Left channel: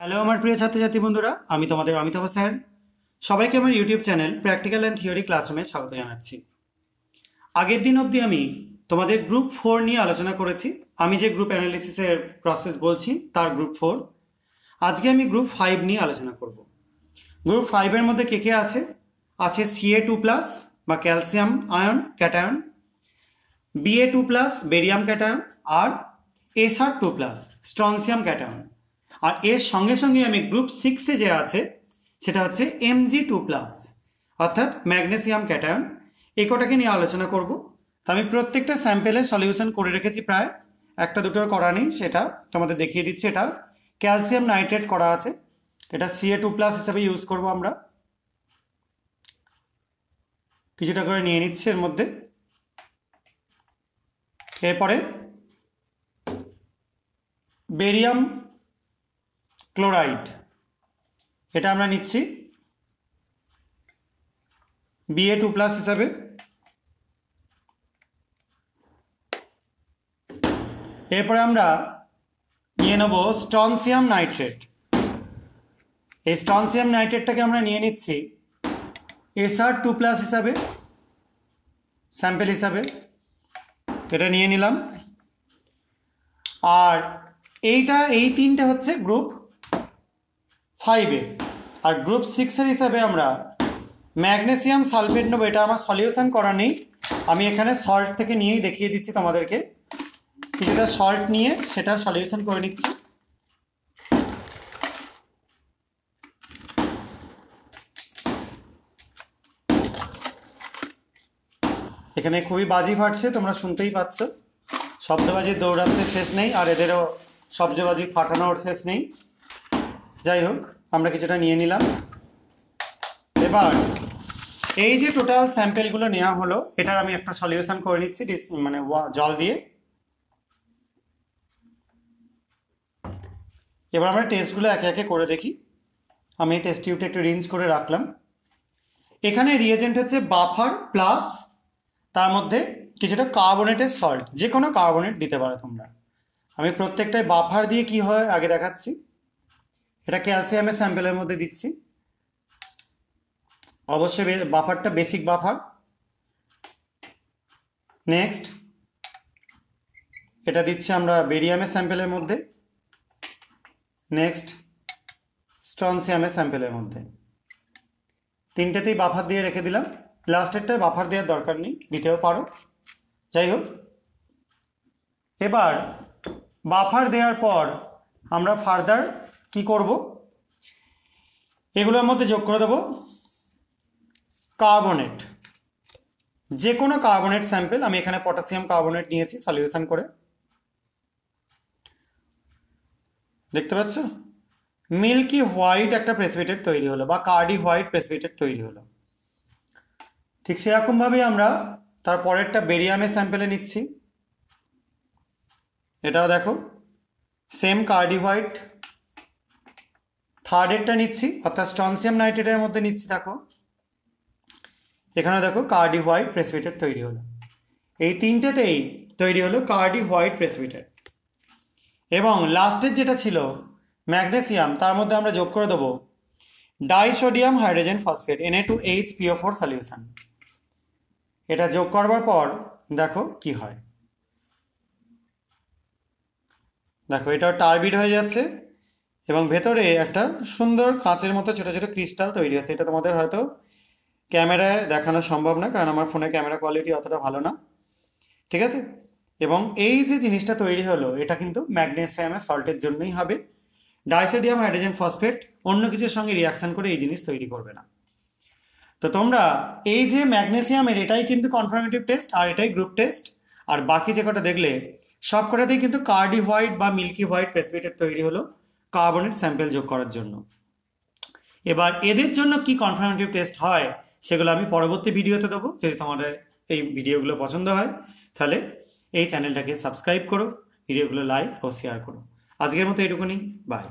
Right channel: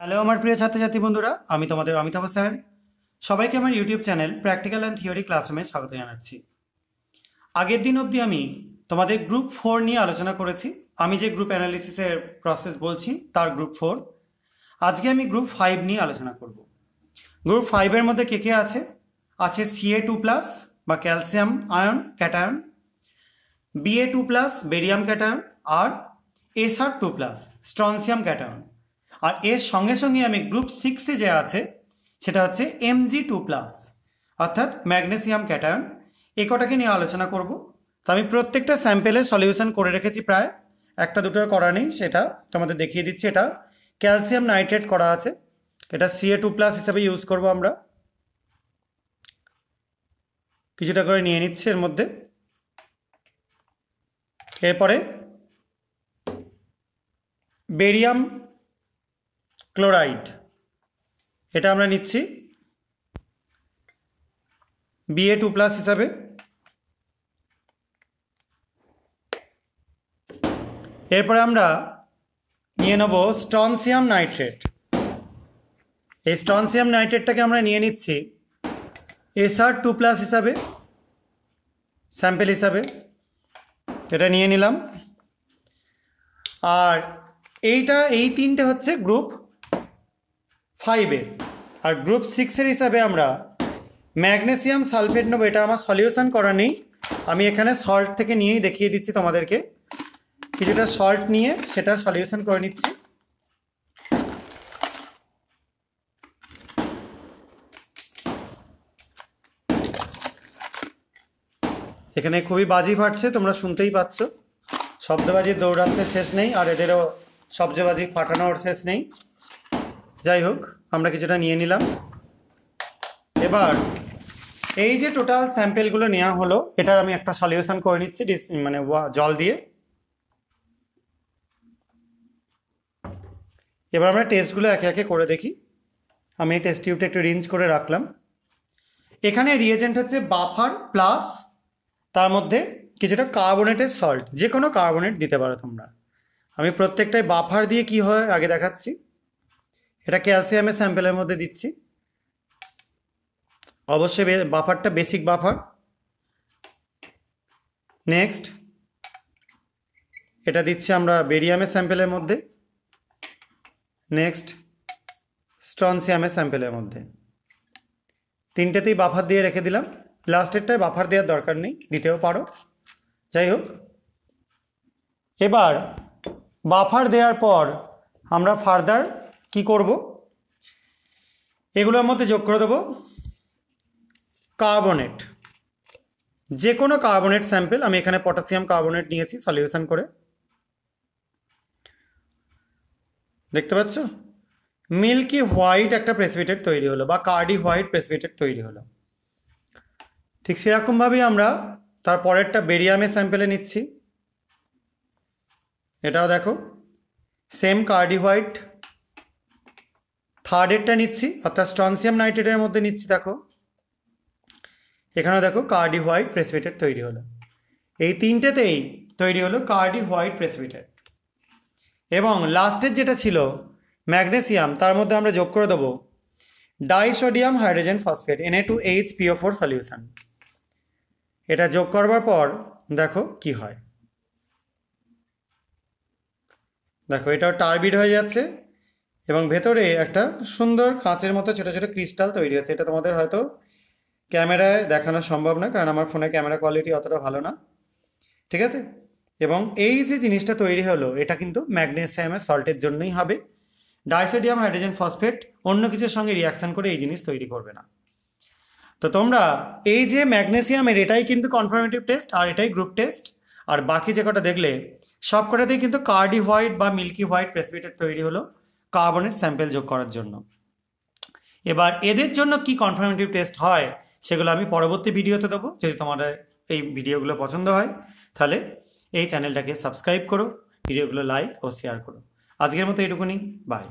Hello আমার প্রিয় ছাত্রছাত্রী বন্ধুরা, আমি তোমাদের অমিতাভ স্যার। সবাইকে আমার YouTube channel practical and theory ক্লাসরুমে স্বাগত জানাচ্ছি। আগের দিন অবধি আমি তোমাদের গ্রুপ 4 নিয়ে আলোচনা করেছি। আমি যে গ্রুপ অ্যানালিসিসের প্রসেস বলছি তার গ্রুপ 4। আজকে আমি গ্রুপ 5 নিয়ে আলোচনা করব। গ্রুপ 5-এর মধ্যে কে কে আছে? আছে Ca2+ বা calcium ion cation, Ba2+ barium cation আর Sr2+ স্ট্রনসিয়াম ক্যাটায়ন। আর এর সঙ্গে সঙ্গে আমি গ্রুপ 6-এ যে আছে সেটা হচ্ছে Mg2+ অর্থাৎ ম্যাগনেসিয়াম ক্যাটায়ন। এই কটাকে নিয়ে আলোচনা করব। তো আমি প্রত্যেকটা স্যাম্পেলের সলিউশন করে রেখেছি, প্রায় একটা দুটোর করা নেই, সেটা তোমাদের দেখিয়ে দিচ্ছি। এটা ক্যালসিয়াম নাইট্রেট করা আছে, এটা Ca2+ হিসেবে ইউজ করব আমরা। কিছুটা করে নিয়ে নিচ্ছে এর মধ্যে। এরপরে বেরিয়াম ক্লোরাইড, এটা আমরা নিচ্ছি Ba2+ হিসাবে। এরপরে আমরা নিয়ে নেব স্ট্রনসিয়াম নাইট্রেট। এই স্ট্রনসিয়াম নাইট্রেটটাকে আমরা নিয়ে নিচ্ছি Sr2+ হিসাবে, স্যাম্পেল হিসাবে। এটা নিয়ে নিলাম। আর এই তিনটে হচ্ছে গ্রুপ 5-এর। আর গ্রুপ 6-এর হিসাবে আমরা ম্যাগনেসিয়াম সালফেট নেব। এটা আমার সলিউশন করা নেই, আমি এখানে সল্ট থেকে নিয়েই দেখিয়ে দিচ্ছি তোমাদেরকে। কিছুটা সল্ট নিয়ে সেটা সলিউশন করে নিচ্ছি। এখানে খুবই বাজি ফাটছে, তোমরা শুনতেই পাচ্ছ। শব্দবাজির দৌড়াতে শেষ নেই, আর এদেরও শব্দবাজি ফাটানোর শেষ নেই। যাই হোক, আমরা কিছুটা নিয়ে নিলাম। এবার এই যে টোটাল স্যাম্পেলগুলো নেওয়া হলো, এটার আমি একটা সলিউশন করে নিচ্ছি মানে জল দিয়ে। এবার আমরা টেস্টগুলো একে একে করে দেখি। আমি এই টেস্ট টিউবটা একটু রিঞ্জ করে রাখলাম। এখানে রিয়েজেন্ট হচ্ছে বাফার প্লাস তার মধ্যে কিছুটা কার্বনেটের সল্ট, যে কোনো কার্বনেট দিতে পারো তোমরা। আমি প্রত্যেকটাই বাফার দিয়ে কি হয় আগে দেখাচ্ছি। এটা ক্যালসিয়ামের স্যাম্পেলের মধ্যে দিচ্ছি, অবশ্যই বাফারটা বেসিক বাফার। নেক্সট এটা দিচ্ছি আমরা বেরিয়ামের স্যাম্পেলের মধ্যে। নেক্সট স্ট্রনসিয়ামের স্যাম্পেলের মধ্যে। তিনটেতেই বাফার দিয়ে রেখে দিলাম। লাস্টেরটায় বাফার দেওয়ার দরকার নেই, দিতেও পারো। যাই হোক, এবার বাফার দেওয়ার পর আমরা ফার্দার কি করব, এগুলোর মধ্যে যোগ করে দেবো কার্বনেট, যে কোনো কার্বনেট স্যাম্পেল। আমি এখানে পটাশিয়াম কার্বনেট নিয়েছি সলিউশন করে, দেখতে পাচ্ছ মিল্কি হোয়াইট একটা প্রেসিপিটেট তৈরি হলো, বা কার্ডি হোয়াইট প্রেসিপিটেট তৈরি হলো। ঠিক সেরকমভাবেই আমরা তার পরেরটা বেরিয়ামের স্যাম্পেলে নিচ্ছি। এটাও দেখো সেম কার্ডি হোয়াইট। থার্ডেরটা নিচ্ছি, অর্থাৎ স্ট্রনসিয়াম নাইট্রেটের মধ্যে নিচ্ছি। দেখো এখানেও দেখো কার্ডি হোয়াইট প্রেসিপিটেট তৈরি হলো। এই তিনটেতেই তৈরি হলো কার্ডি হোয়াইট প্রেসিপিটেট। এবং লাস্টের যেটা ছিল ম্যাগনেসিয়াম, তার মধ্যে আমরা যোগ করে দেবো disodium hydrogen phosphate Na2HPO4 solution. এটা যোগ করবার পর দেখো কি হয়। দেখো এটাও টার্বিড হয়ে যাচ্ছে এবং ভেতরে একটা সুন্দর কাঁচের মতো ছোট ছোট ক্রিস্টাল তৈরি হচ্ছে। এটা তোমাদের হয়তো ক্যামেরায় দেখানো সম্ভব না, কারণ আমার ফোনে ক্যামেরা কোয়ালিটি অতটা ভালো না, ঠিক আছে। এবং এই যে জিনিসটা তৈরি হলো, এটা কিন্তু ম্যাগনেসিয়ামের সল্টের জন্যই হবে। ডাইসোডিয়াম হাইড্রোজেন ফসফেট অন্য কিছুর সঙ্গে রিয়াকশন করে এই জিনিস তৈরি করবে না। তো তোমরা এই যে ম্যাগনেসিয়ামের, এটাই কিন্তু কনফার্মেটিভ টেস্ট, আর এটাই গ্রুপ টেস্ট। আর বাকি যে কটা দেখলে সব কটাতেই কিন্তু কার্ডি হোয়াইট বা মিল্কি হোয়াইট প্রেসিপিটেট তৈরি হলো কার্বনেট স্যাম্পেল যোগ করার জন্য। এবার এদের জন্য কি কনফার্মেটিভ টেস্ট হয় সেগুলো আমি পরবর্তী ভিডিওতে দেবো। যদি তোমাদের এই ভিডিওগুলো পছন্দ হয় তাহলে এই চ্যানেলটাকে সাবস্ক্রাইব করো, ভিডিওগুলো লাইক ও শেয়ার করো। আজকের মতো এটুকুনি, বাই।